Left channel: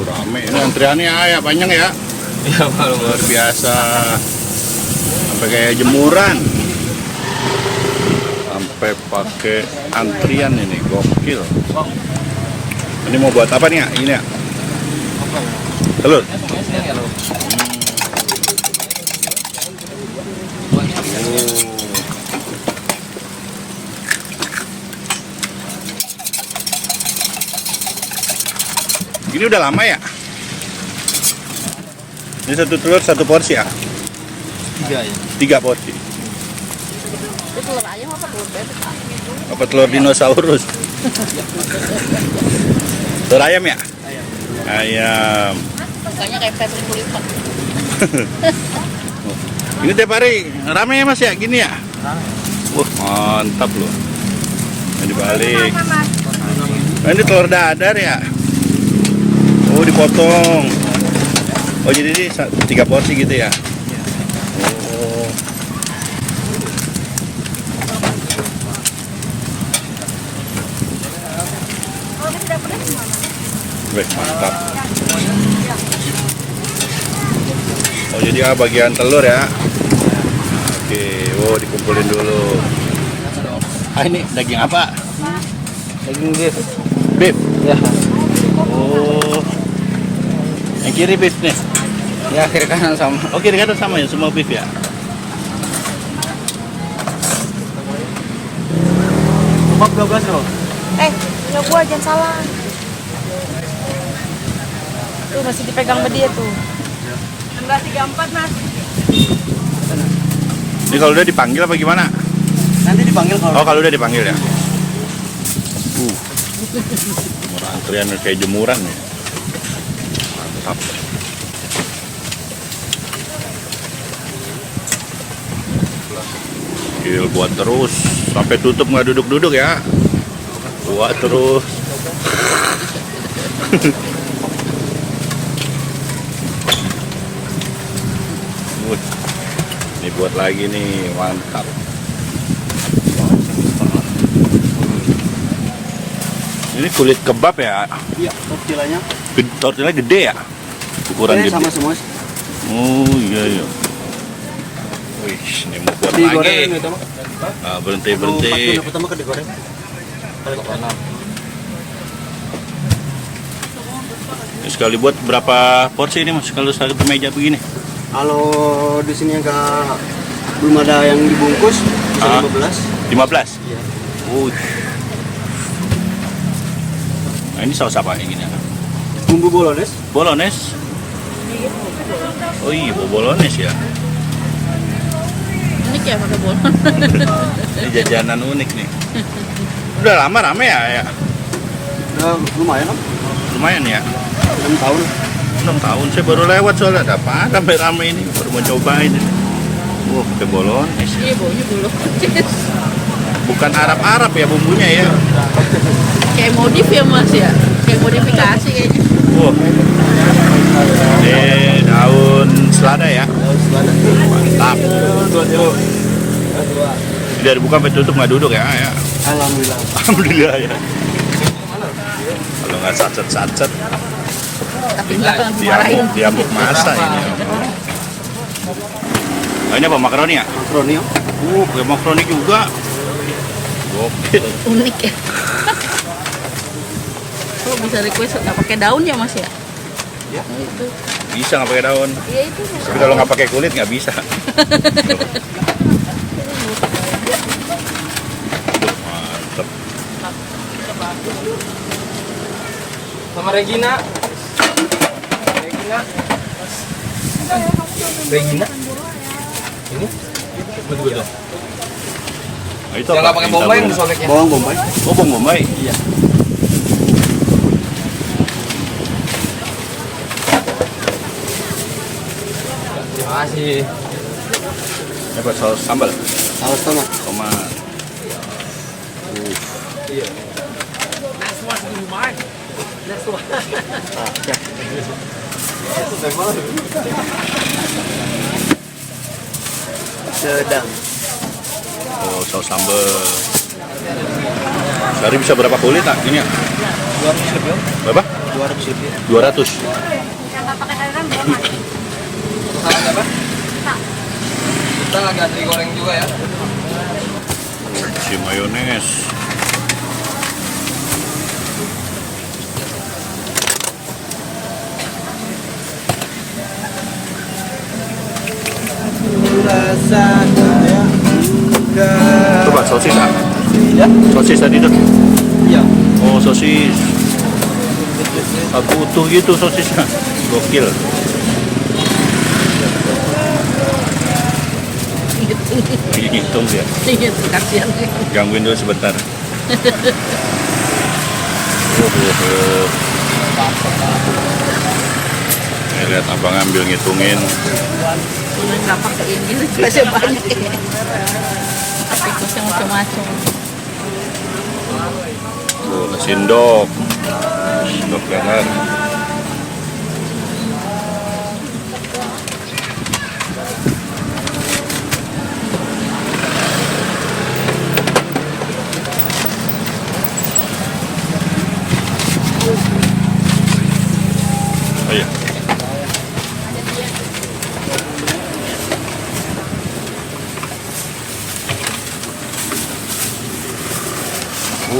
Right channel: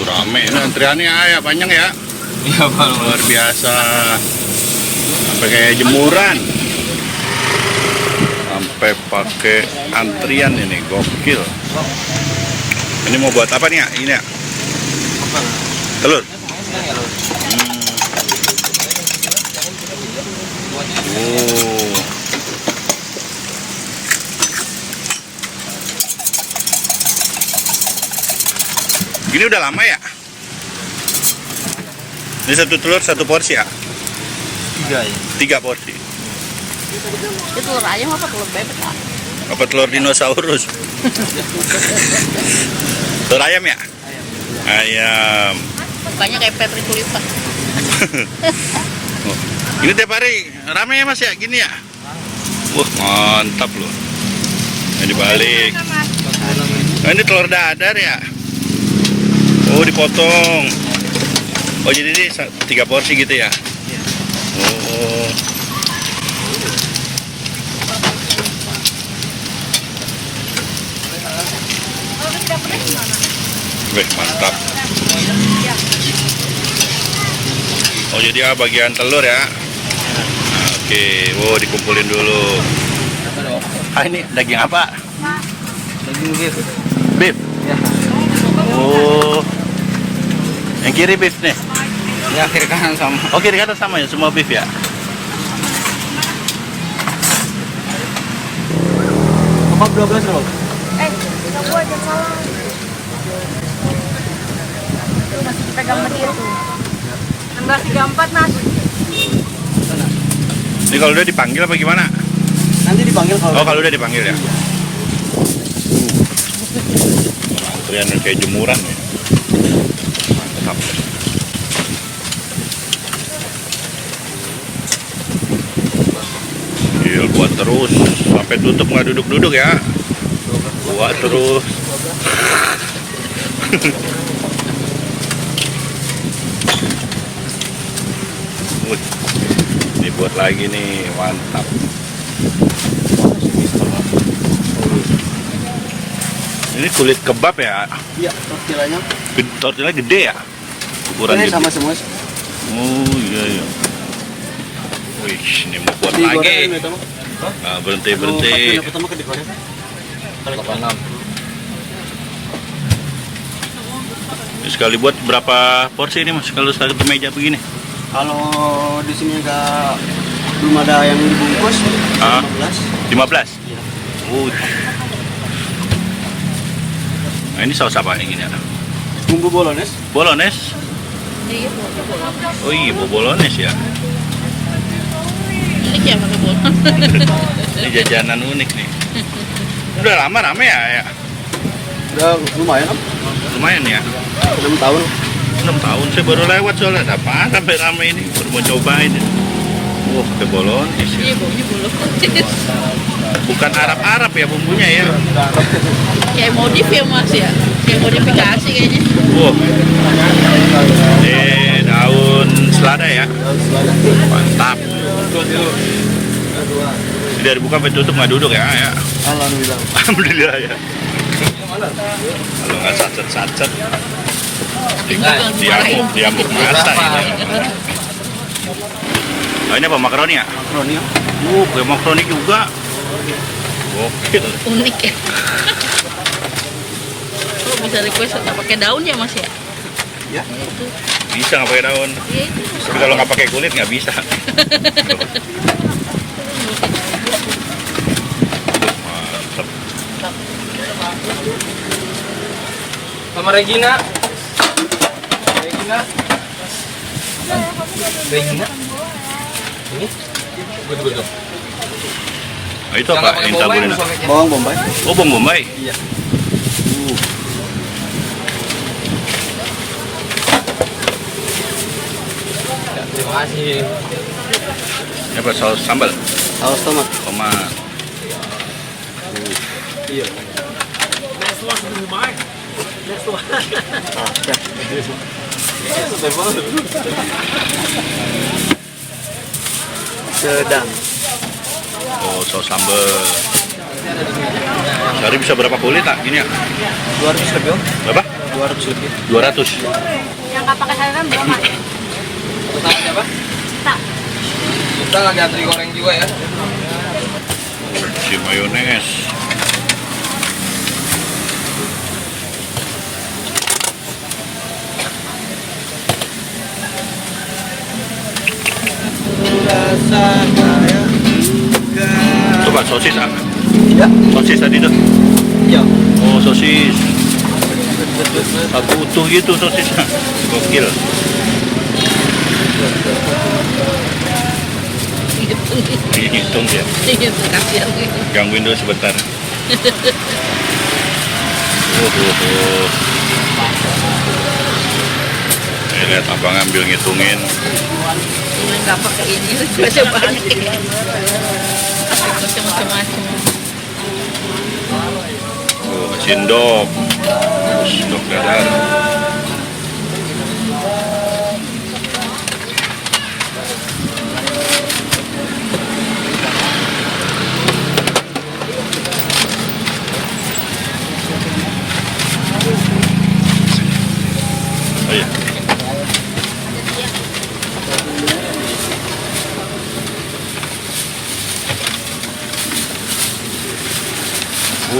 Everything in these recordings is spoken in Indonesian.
Rame ini antriannya ya, panjang ya. Iya, Pak. Luar biasa. Sampai kayak jemuran. Sampai pakai antrian ini, gokil. Ini mau buat apa nih ya? Ini ya? Telur. Oh. Ini udah lama ya? Ini satu telur satu porsi ya? 3 ya. 3 porsi. Itu telur ayam apa telur bebek? Apa telur dinosaurus? Telur ayam ya? Ayam. Mukanya kayak Patrick Kulita. Ini tiap hari rame ya mas ya? Gini ya? Wah mantap loh. Ini dibalik. Nah, ini telur dadar ya? Oh dipotong. Oh jadi ini 3 porsi gitu ya? Oh. Wih mantap. Oh jadi bagian telur ya? Nah, oke, wow dikumpulin dulu. Ah ini daging apa? Daging beef. Beef. Ya. Oh. Yang kiri beef nih. Ya, kiri kanan sama. Oh kiri kanan sama ya, semua beef ya? Kebab 12 dong. Gua jangan salah. Udah sih dipegang sama dia tuh. 1634 Mas. Ini kalau udah dipanggil apa gimana? Nanti dipanggil kalau. Oh kalau udah dipanggil ya? Antrian kayak jemuran nih. Mantap. Gil, buat terus sampai tutup nggak duduk-duduk ya. Buat terus. Wih, ini buat lagi nih, mantap. Ini kulit kebab ya? Iya, tortillanya. Tortilla gede ya? Ukuran gede. Sama semua. Oh iya iya. Wih, ini mau buat lagi. Nah, berhenti. Pertama ke digoreng. Sekali buat berapa porsi ini mas? Kalau satu meja begini? Kalau di sini belum ada yang dibungkus, 15. 15? Iya. Nah ini saus apa ini? Bumbu bolones. Bolones? Iya, Oh iya, bolones ya. ini kayak mau bol. Ini jajanan unik nih. Udah lama rame ya? Udah lumayan kan? Lumayan ya. 6 tahun. 6 tahun saya baru lewat soalnya ada apa rame-rame ini baru mau cobain. Wah pakai bolones. Iya, baunya bulu. Bukan Arab ya bumbunya ya. Kayak modif ya Mas ya? Kayak modifikasi kayaknya. Wah. Ini daun selada ya. Mantap. Ini dari buka sampai tutup nggak duduk ya? Alhamdulillah. Alhamdulillah ya. Kalau nggak sacet-sacet, diamuk masa ini. Nah, ini apa makaroni ya? Makaroni ya. Pakai makaroni juga. Gokil. Unik ya. Kok bisa request nggak pakai daun ya Mas ya? Ya. Itu. Bisa nggak pakai daun? Iya itu. Tapi kalau nggak pakai kulit nggak bisa. Mantep. Sama Regina. Regina. Ini? Betul. Nah, itu apa? Intabulina. Bawang bombay. Oh, bawang bombay. Iya. Terima kasih. Ini apa? Saus sambal? Saus tomat. Tomat. Iya. Siap. Sedang. Oh, saus sambal. Sehari bisa berapa kulit nak gini ya? 200 lebih om. Berapa? 200 lebih. 200. Yang nggak pakai sayuran berapa? Satu salad apa? Tak. Kita nggak ada goreng juga ya. Si mayones. Coba sosis ah. Ya. Sosis tadi tuh. Ya. Oh sosis. Aku utuh gitu sosisnya. Gokil. Lagi ngitung dia. Gangguin dulu sebentar. Lihat abang ambil ngitungin. Nggak pakai ini, masih banyak ya. Macam-macam. Sendok. Sendok dadar. Oh iya.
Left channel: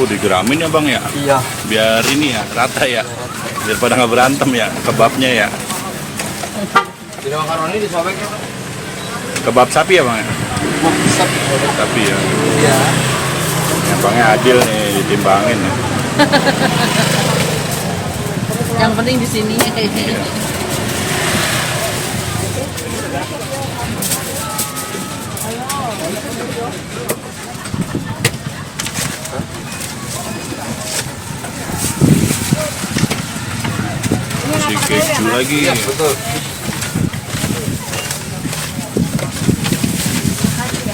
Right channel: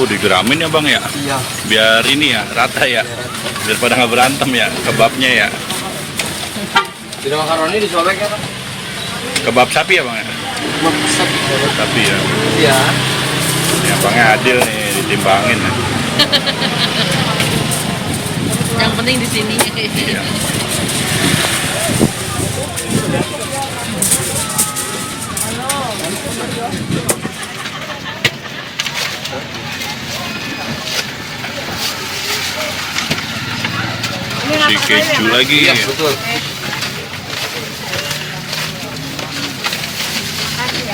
Digeramin ya bang ya? Iya. Biar ini ya, rata ya? Biar pada nggak berantem ya, kebabnya ya? Tidak makaroni disobek ya Pak? Kebab sapi ya bang ya? Masak. Sapi ya? Iya. Ini abangnya adil nih, ditimbangin. Yang penting di sini. Iya. Si keju lagi. Iya, betul.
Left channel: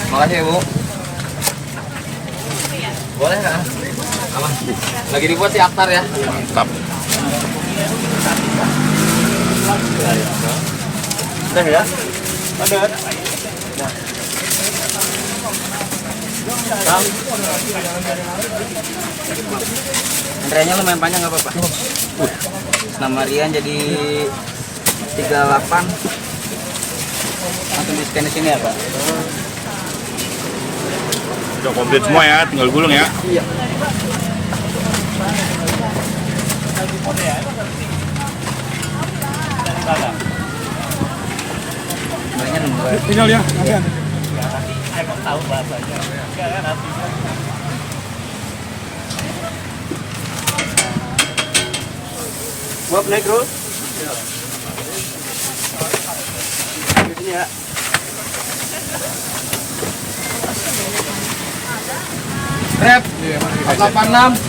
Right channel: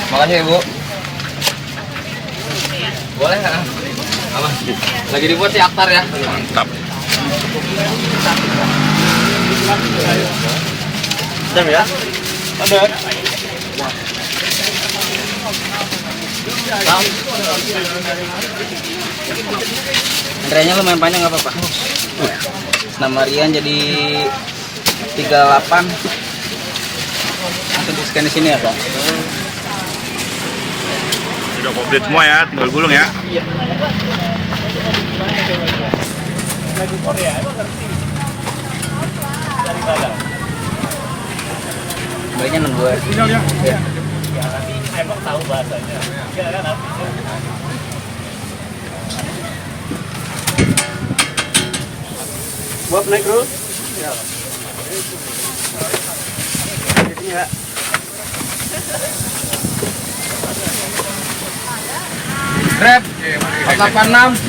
Makasih Bu. Boleh nggak? Apa? Lagi dibuat si Aktar ya. Mantap. Bentar ya. Bentar. Bang. Antriannya lumayan panjang nggak apa-apa? Nama Rian jadi 38. Langsung di scan di sini ya Pak? Sudah komplit semua ya, tinggal gulung ya. Iya. Belinya nunggu ya. Tinggal ya. Emang tahu bahasanya. Buat naik bro. Ya. Rep 486.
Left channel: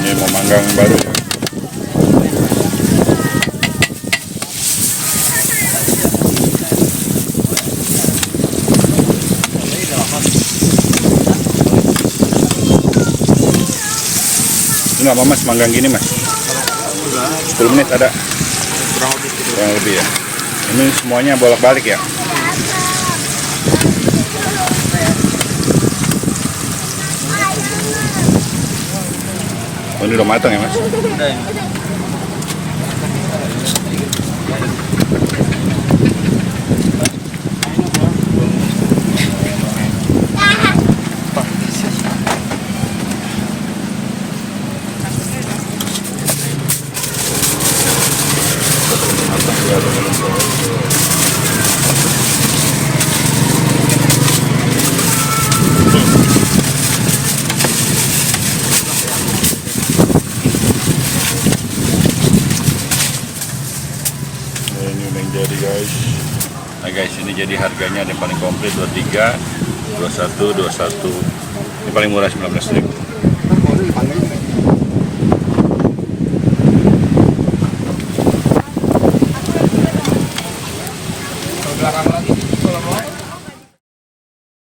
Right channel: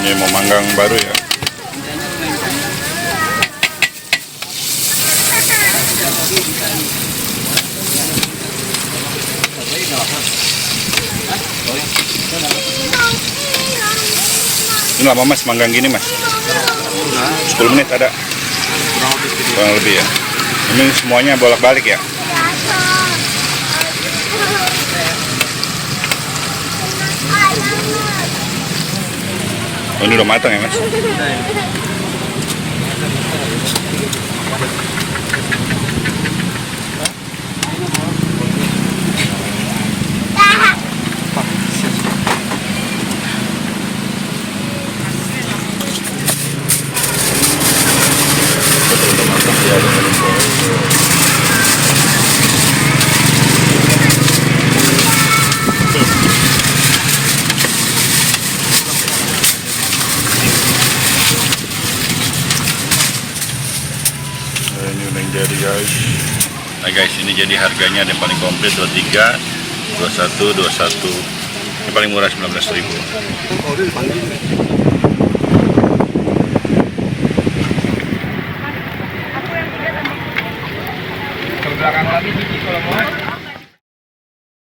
Ini mau manggang baru ya. Ini lama mas manggang gini mas? 10 menit ada? Kurang lebih ya. Ini semuanya bolak-balik ya? Oh, ini udah matang ya mas? Ini udah yang jadi guys. Nah guys, ini jadi harganya ada yang paling komplit 23, 21, 21. Ini paling murah 19.000.